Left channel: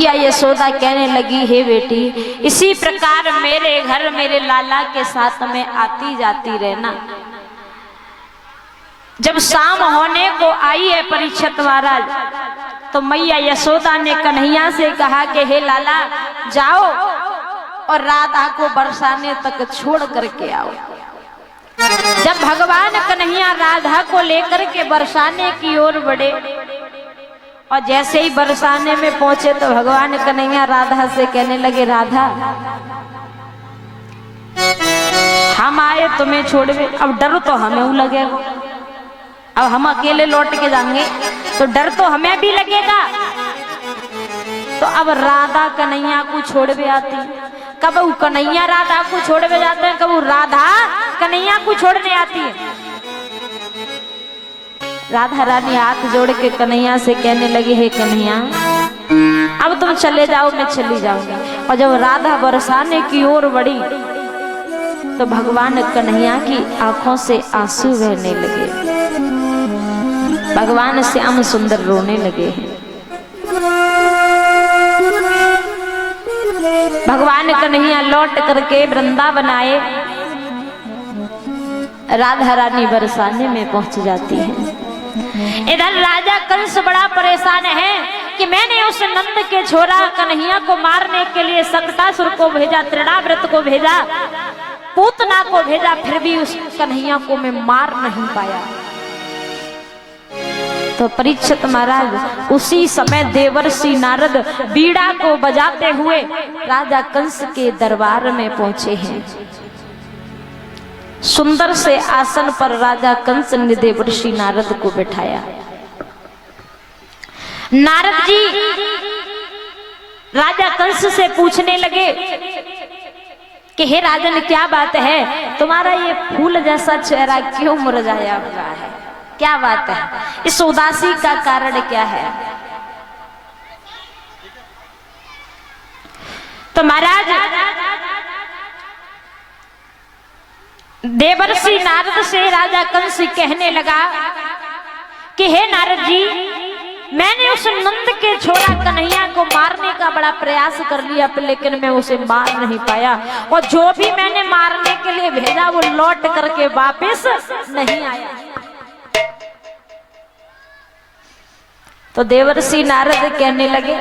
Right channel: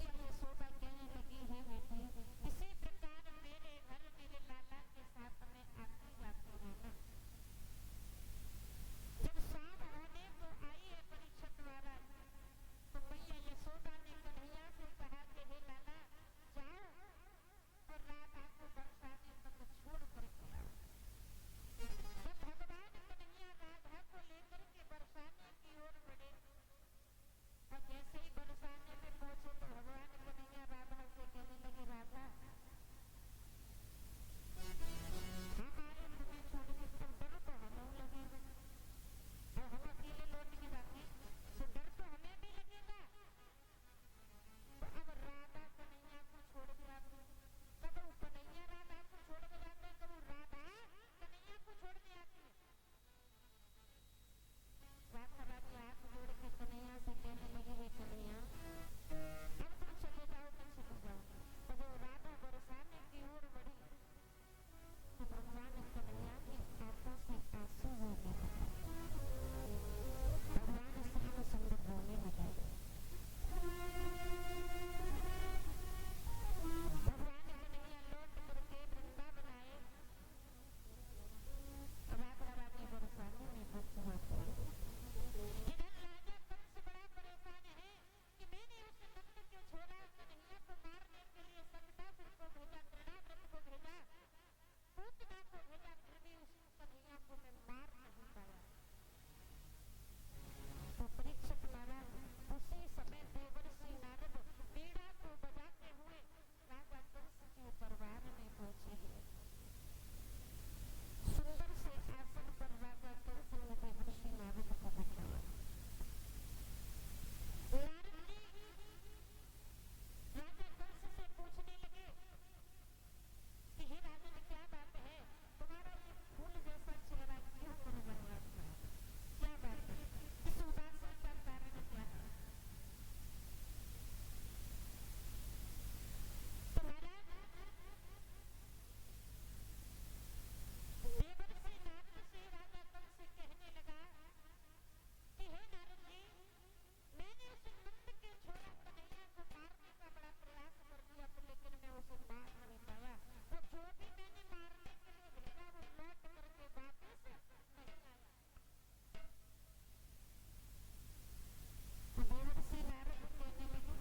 या यशोदा कहने लगी, हे बेटी, इसी प्रकार मेरे घर मेरे लाला के साथ में आती जाती रहना। जब शाम होने को आई है परीक्षित महाराज, तो मैया यशोदा ने कन्हैया से कहा कि हे लाला, जाओ और राधा को बरसाने तक छोड़ करके आओ। जब भगवान कन्हैया राधा को लेकर के बरसाने की ओर बढ़े और जैसे ही बरसाने में पहुंचे तो भगवान कन्हैया राधा से कहने लगे, राधा, हम आए तुम्हें छोड़वे, अब डर तो हमें लगेगा, अब हम अकेले लौट के जाएंगे तो डर तो हमें भी लगेगा। तो अब राधा कन्हैया को छोड़वे आती, कब वो कन्हैया राधा को छोड़वे जाते हैं, कब वो राधा कन्हैया को छोड़ने आती है। राधा रानी हाथ जोड़ के कन्हैया से कहने लगी, हे कन्हैया, अब तुम चले जाओ, मैं चली जाऊंगी। और जब राधा बरसाने की ओर बढ़ी तो भगवान कन्हैया की आंखों से आंसू बहने लगे, भगवान श्याम सुंदर रोने लगे हैं। भगवान कन्हैया लौट करके वृंदावन आए, राधा रानी बरसाने में पहुंच जाती है। इधर राजा कंस बड़ा परेशान है कि मैंने उस नंद के छोरा कन्हैया को मारने के लिए सक्टासुर को भेजा, त्रिणाव्रत को भेजा, पूतना को भेजा, फिर भी उस कन्हैया को मैं मार नहीं पाया। तो परीक्षित महाराज उसी समय देवर्षि नारद बीड़ा को बजाते हुए राजा कंस के दरबार में पहुंचे हैं। सुंदर से आसन पर राजा कंस ने देवर्षि नारद को बैठाया। नारद जी राजा कंस से पूछने लगे कि हे राजन, क्या बात है, तुम्हारा ये फूल जैसा चेहरा क्यों मुरझाया हुआ है, क्या बात है, इस उदासी का कारण क्या है। तो महाराज देवर्षि नारद से राजा कंस कहने लगा कि हे नारद जी, मैंने उस नंद के छोरा कन्हैया को मारने का बड़ा प्रयास कर लिया, लेकिन मैं उसे मार नहीं पाया, और जो भी मैंने मारने के लिए भेजा वो लौट करके वापस नहीं आया। तो देवर्षि नारद कहने लगे,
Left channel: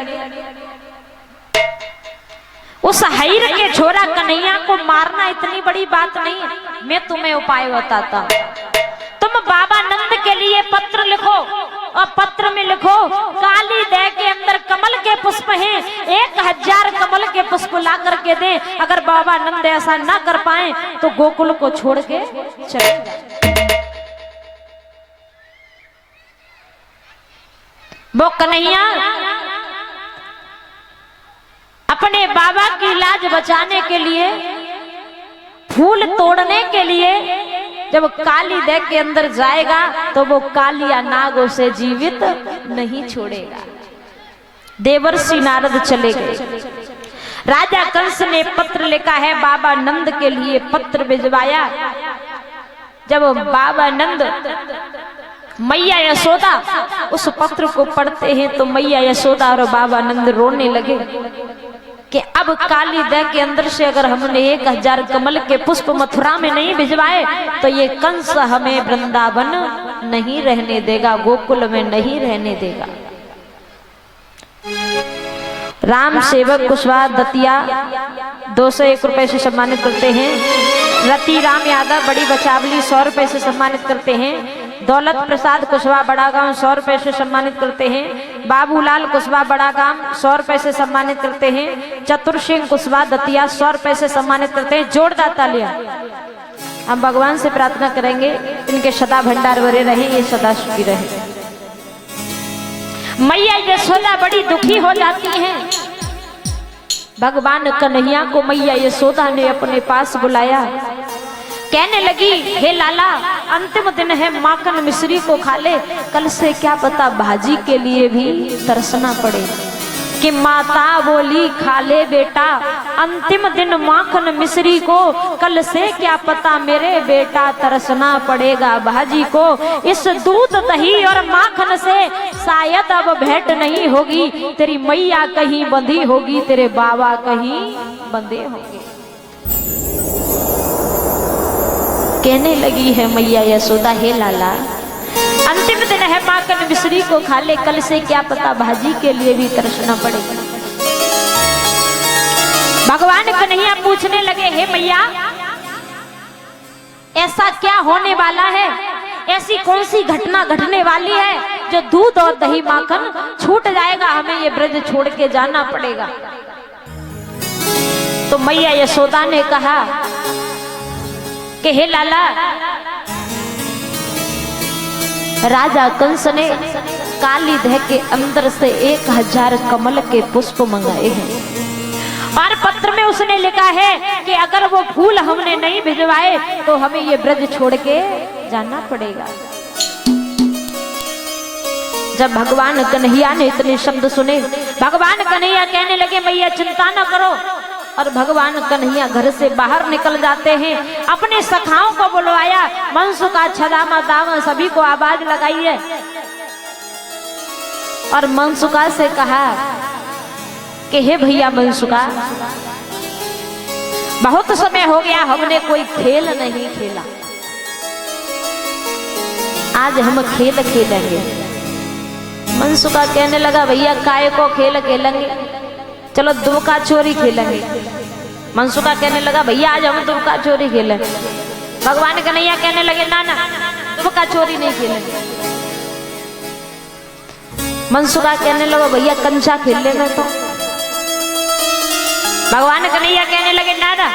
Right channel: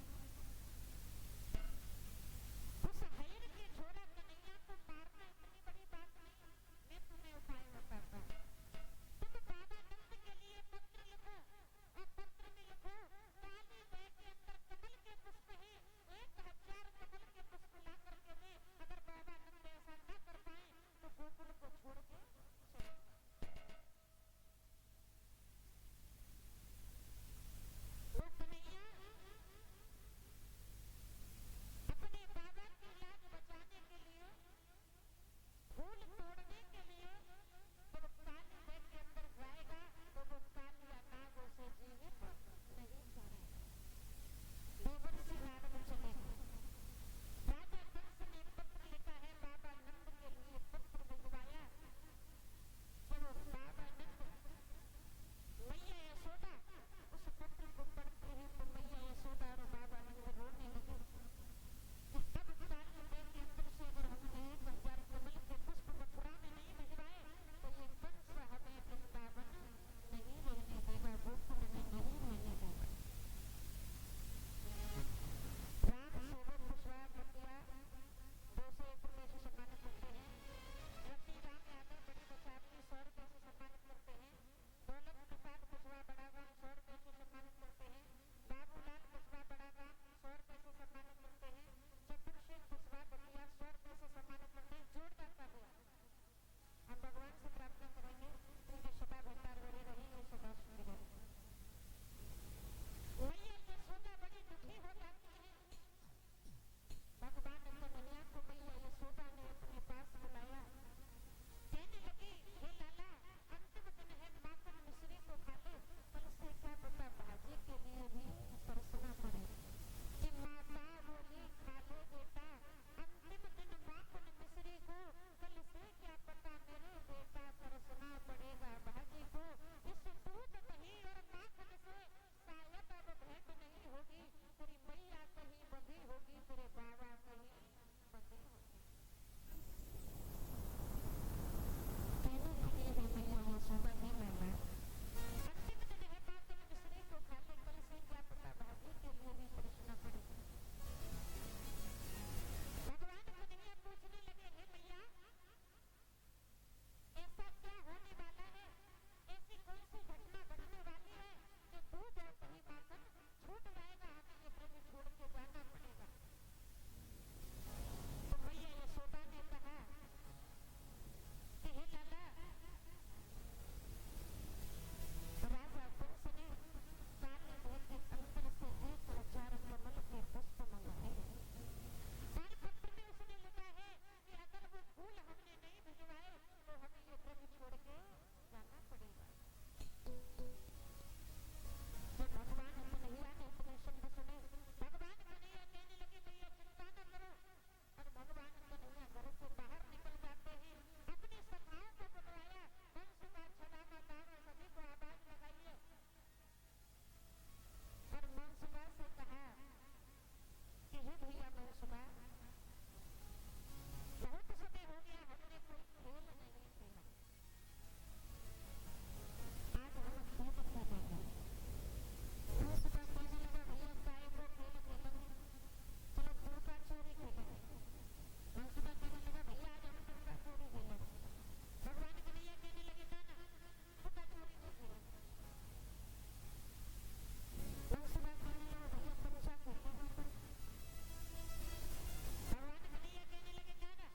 उस हईर के छोरा कन्हैया को मारना इतनी बड़ी बात नहीं है, मैं तुम्हें उपाय बताता। तुम बाबा नंद के लिए पत्र लिखो और पत्र में लिखो, काली दे के अंदर कमल के पुष्प हैं, 1000 कमल के पुष्प ला करके दे। अगर बाबा नंद ऐसा ना कर पाए तो गोकुल को छोड़ के चले जाए। वो कन्हैया अपने बाबा की लाज बचाने के लिए, फूल तोड़ने के लिए जब काली देह के अंदर जाएगा तो वो कालिया नाग उसे जीवित नहीं छोड़ेगा। देवर्षि नारद चले गए। राजा कंस ने पत्र लिखा है, बाबा नंद के लिए पत्र भिजवाया। जब बाबा नंद मैया यशोदा उस पत्र को पढ़ते हैं तो मैया यशोदा और बाबा नंद रोने लगे कि अब काली दह के अंदर से अगर हमने 1000 कमल के पुष्प मथुरा में नहीं भिजवाए तो ये कंस हमें वृंदावन नहीं रहने देगा, गोकुल में नहीं रहने देगा। राम सेवक कुशवाहा दतिया 201 रुपए से सम्मानित करते हैं। रति राम यादव बड़ी बचावली 100 रुपए से सम्मानित करते हैं। दौलत प्रसाद कुशवाहा बड़ा गांव 100 रुपए से सम्मानित करते हैं। बाबूलाल कुशवाहा बड़ा गांव 100 रुपए से सम्मानित करते हैं। चतुर सिंह कुशवाहा दतिया 100 रुपए से सम्मानित करते हैं। जोरदार तालियां। हम भगवान से प्रार्थना करेंगे इनके सदा भंडार भरे रहे, ये सदा सुखी रहे। मैया यशोदा बड़ी दुखी हो जाती हैं। भगवान कन्हैया को मैया यशोदा ने अपने पास बुलाया, कहने लगी, हे लाला, अंतिम दिन है, माखन मिश्री को खा ले, कल से क्या पता भाजी के लिए भी तरसना पड़े। कि माता बोली खा ले बेटा अंतिम दिन माखन मिश्री को, कल से क्या पता मेरे बेटा तरसना पड़ेगा भाजी को। इस दूध दही और माखन से शायद अब भेंट नहीं होगी, तेरी मैया कहीं बंधी होगी, तेरे बाबा कहीं बंधे होंगे। कहने लगी है मैया यशोदा, हे लाला अंतिम दिन है, माखन मिश्री को खा ले, कल से क्या पता भाजी के लिए भी तरसना पड़ेगा। भगवान कन्हैया पूछने लगे, हे मैया ऐसा क्या होने वाला है, ऐसी कौन सी घटना घटने वाली है जो दूध और दही माखन छूट जाएगा, हमें ये ब्रज छोड़ के जाना पड़ेगा। तो मैया यशोदा ने कहा कि हे लाला, राजा कंस ने काली दह के अंदर से 1000 कमल के पुष्प मंगाए हैं और पत्र में उसने लिखा है कि अगर वो फूल हमने नहीं भिजवाए तो हमें ये ब्रज छोड़ के जाना पड़ेगा। जब भगवान कन्हैया ने इतने शब्द सुने, भगवान कन्हैया कहने लगे मैया चिंता न करो। और भगवान कन्हैया घर से बाहर निकल जाते हैं, अपने सखाओं को बुलवाया, मनसुका छदामा दामा सभी को आवाज लगाई है और मनसुका से कहा कि हे भैया मनसुका, बहुत समय हो गया हमने कोई खेल नहीं खेला, आज हम खेल खेलेंगे। मनसुका कहने लगा भैया काय को खेल खेलेंगे, चलो दुबका चोरी खेलेंगे। मनसुका कहने लगा भैया आज हम दुबका चोरी खेलेंगे। भगवान कन्हैया कहने लगे ना ना दुबका चोरी नहीं खेलेंगे। मनसुका कहने लगा भैया कंचा खेल लेना। तो भगवान कन्हैया कहने लगे ना ना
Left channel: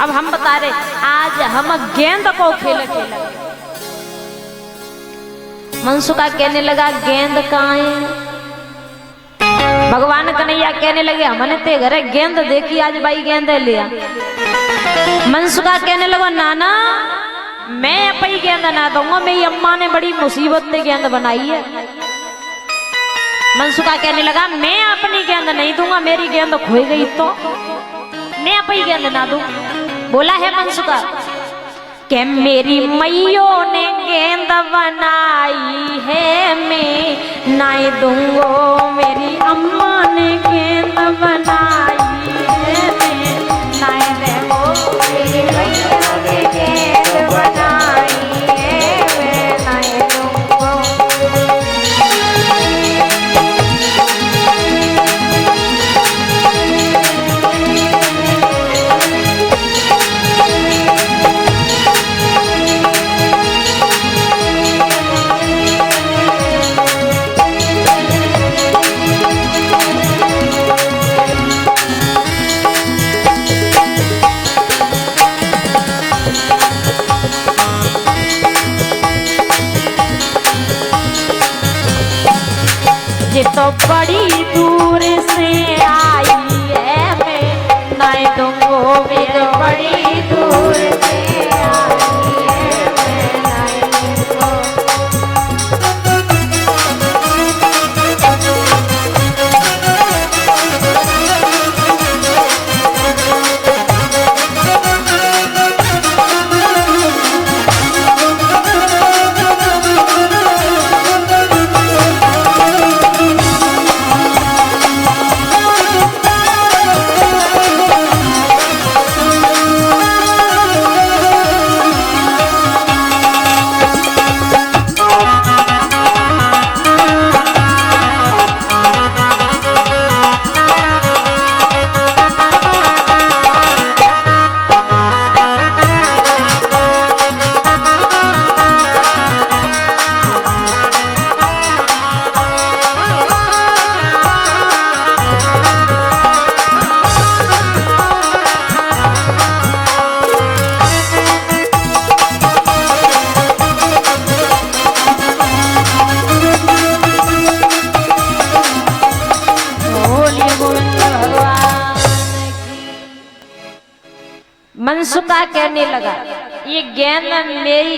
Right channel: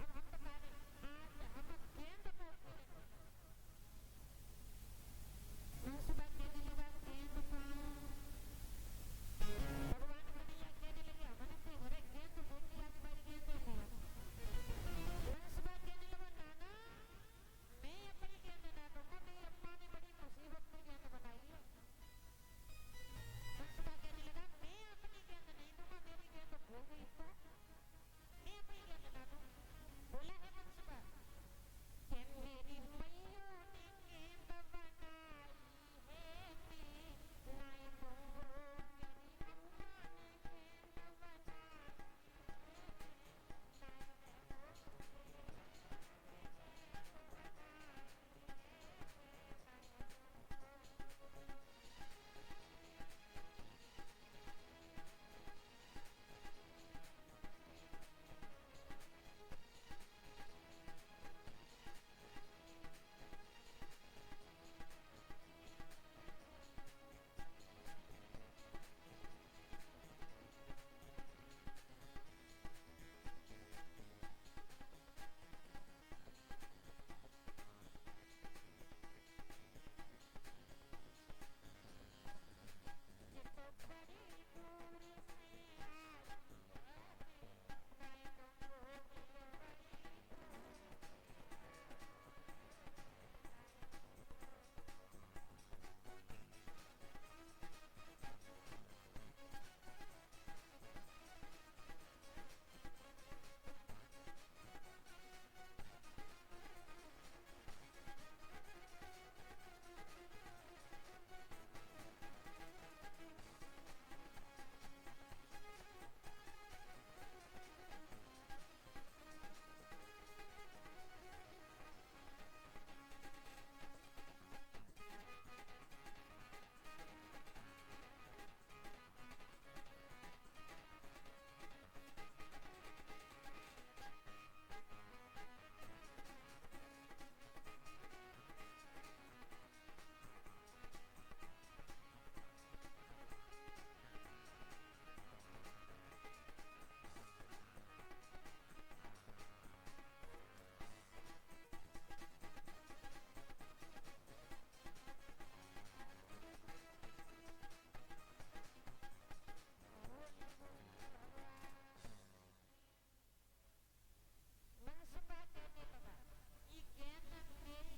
अब हम बता रहे आज हम गेंद को खेल खेलेंगे। मनसुका कहने लगा गेंद कहाँ है। भगवान कन्हैया कहने लगे हमने ते घरे गेंद देखी आज भाई गेंद लिया। मनसुका कहने लगा नाना मैं अपनी गेंद ना दूंगा, मेरी अम्मा ने बड़ी मुसीबत में गेंद बनाई है। मनसुका कहने लगा मैं अपनी गेंद नहीं दूंगा, मेरी गेंद खोई गई तो मैं अपनी गेंद ना दूं। बोला है मनसुका कि मेरी मैयों ने गेंद बनाई है मैं नहीं दूंगो, मेरी अम्मा ने गेंद बनाई है मैं नहीं दूंगो, मेरी मैयों ने गेंद बनाई है मैं नहीं दूंगो। तो बड़ी दूर से आई है मैं नहीं दूंगो, मेरे बड़ी दूर से आई है मैं नहीं दूंगो। मनसुका कहने लगा ये गेंद मेरी